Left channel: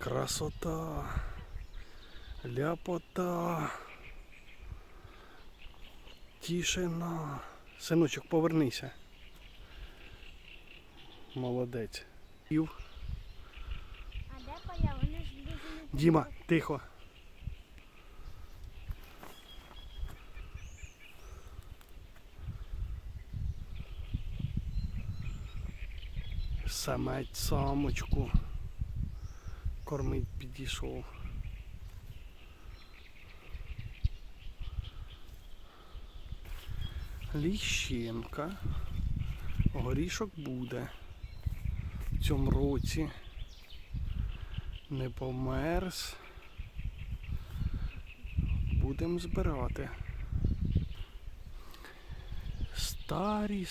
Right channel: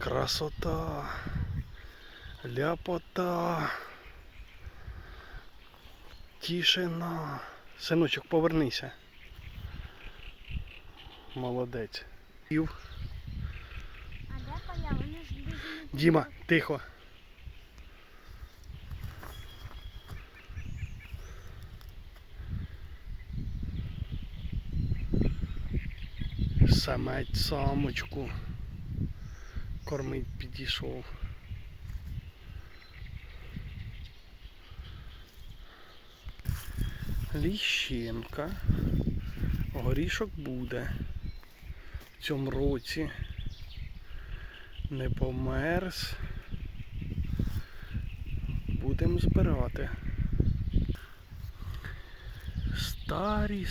Красота. Ляпота. Тишина. Синочок, повернися. Молодець. Діма, тихо. Самець самочку. Кормить підійшов. Ліщинка. Горішок буде в цьому році. Не померз. Будемо збирати. Старі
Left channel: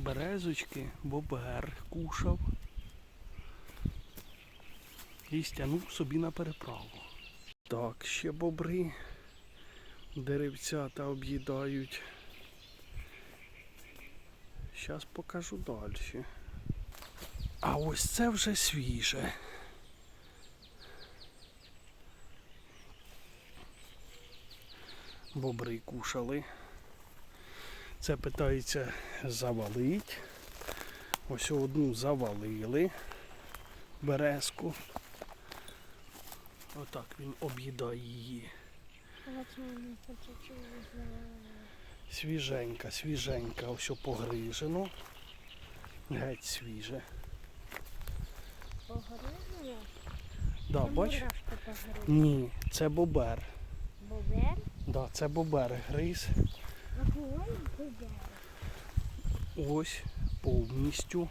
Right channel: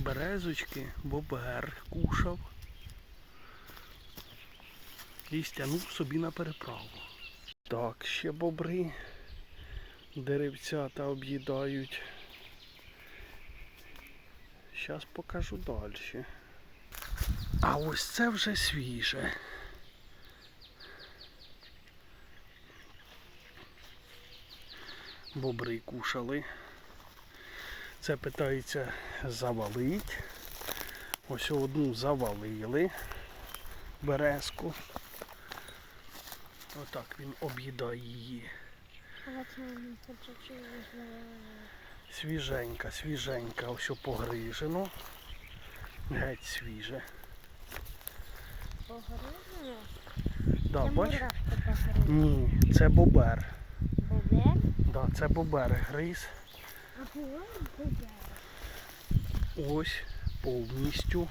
березочки, бобер кушав і стягнув собі на переправу. Так, ще бобри деревцята об'їдають. Зараз покажу далі. А ось це вже свіже. Бобри кушали. Це питається завалить. Ось одну завалили березку. Отак він об'їдає її. Свіженька, свіженька, ось погрижено. Геть свіже. погризли. Да, бач? Ні, це бобер. Бубер? Да, це бобер гриз. А. Ось повністю.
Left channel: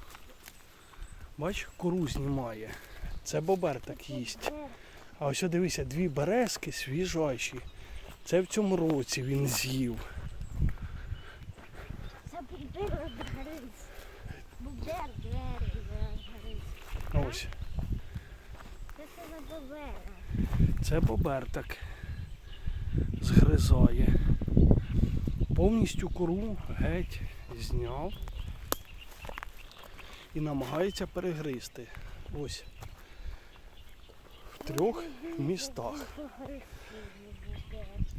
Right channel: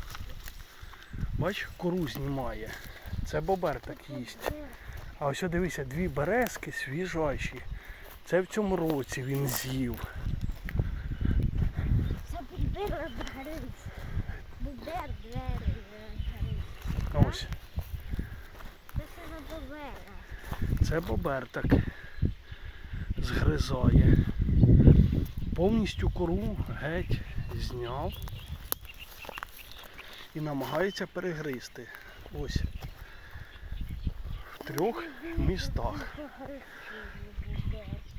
Бач, кору знімає. Це бобер так їсть. А ось дивися, дві березки свіжайші. Це в цьому році він з'їв. Це бубер гриз. Бубер двері гриз. Ось. Це бубер? Це бобер так згризає. Повністю кору геть зняв і намагається перегризти. Ось в трьох містах.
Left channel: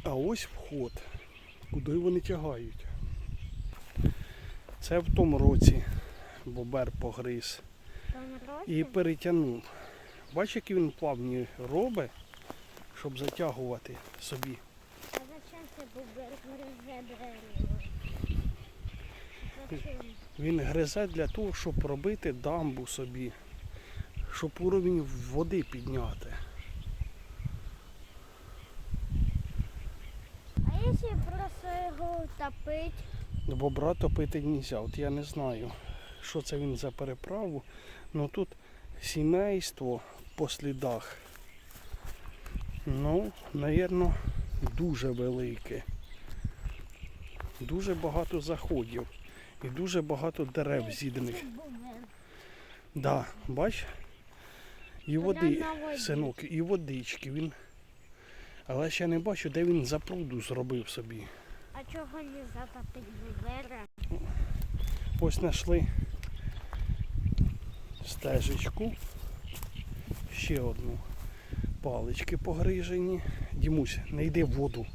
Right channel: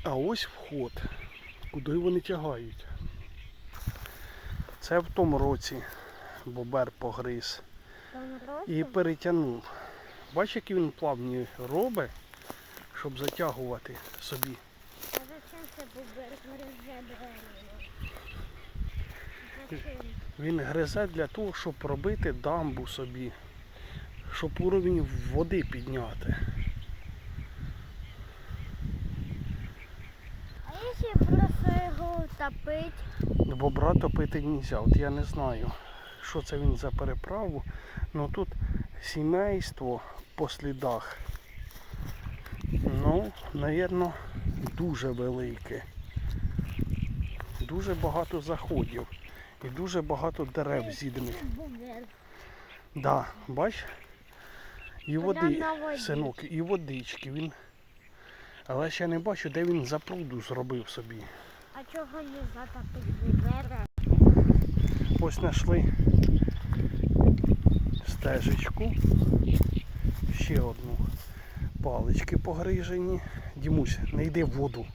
А ось вход, куди вони тягають. Це в тому році бобер погриз і перетягнув. Бачиш, які він плавні робить, щоб затягувати собі. А зачем це бубер гризе двері? Зачем? Він гризе для того, щоб робити дамбу собі, щоб уровень води підняти. А якщо просто його топить? Бобра топити не можна. От я не знаю, що це він за переправу. Ну тут сімейство по слідах. Ну, напевно, дуже велике. Дуже багато заходів і дуже багато дерев бубер. Да, бач? І води, синок, і водички він. Але ще не бачу, де він запруду зробив собі. А чого не затопить бубера? Ось знайшли стежечку. Ще одну. Палички погрижені. Дімусь, не йди в воду.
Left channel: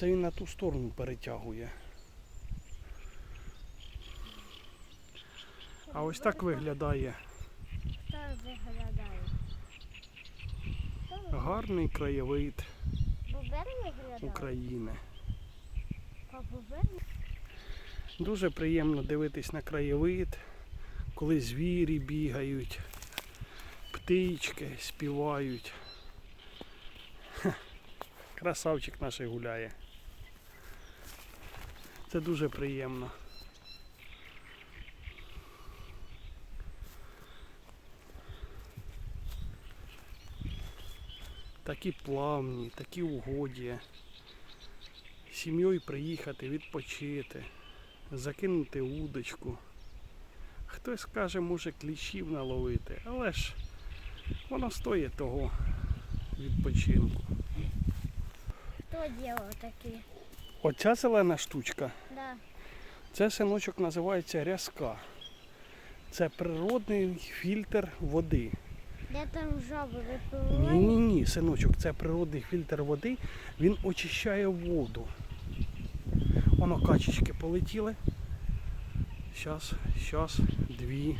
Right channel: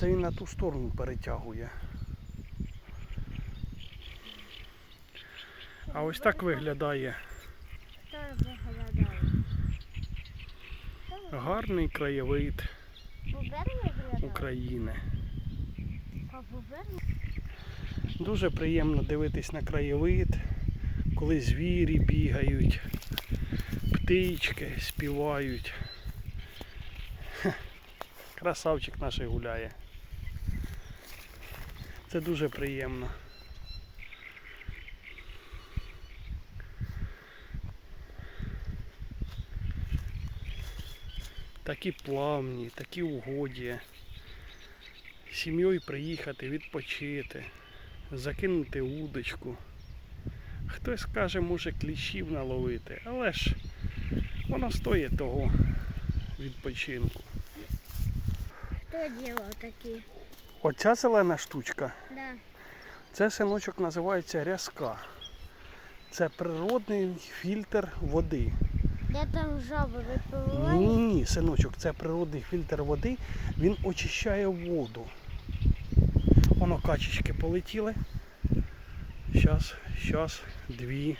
Це він на ту сторону перетягує. А ось так виглядає Хто виглядає? Гарний краєвид України. Дуже приємно дивитись на краєвид, коли звірі бігають, птички співають. Красавчик наш гуляє. Це дуже приємно. Такі плавні, такі угоді. Сім'єю приїхати, відпочити закинути удочку. Хтось каже, може кліщів наловити, але ж воно стоїть того відпочинку. Хто ділав такі? Оця зелена штучка, Да. це синочок називається рязка. Це природний фільтр води. Де там жаби Ні, ні, ні, синочок, це природний фільтр води, він очищає воду. Воно качечки полетіли. Щас, щас, дві.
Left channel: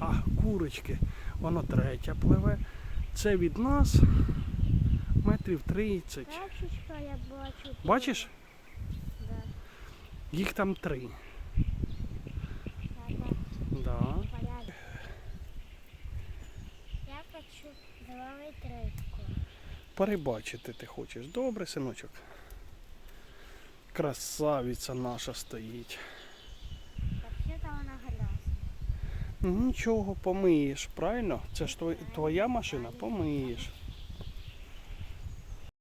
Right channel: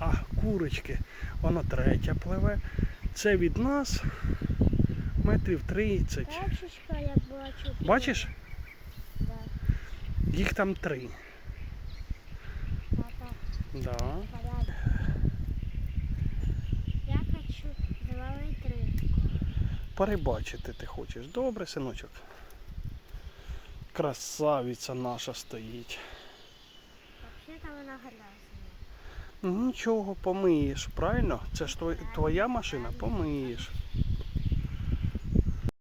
А, курочки. Воно третя пливе. Це від нас метрів 30. Качечка, як бачу. Бачиш? Їх там три. Да. Я хочу зловити рибку. Перебачити ти хочеш. Добре, синочок. Красавиця наша стоїть. Взагалі-то вона грязна. Ну, Нічого, помиєш, правильно? Це ж твоя машина, помиєш.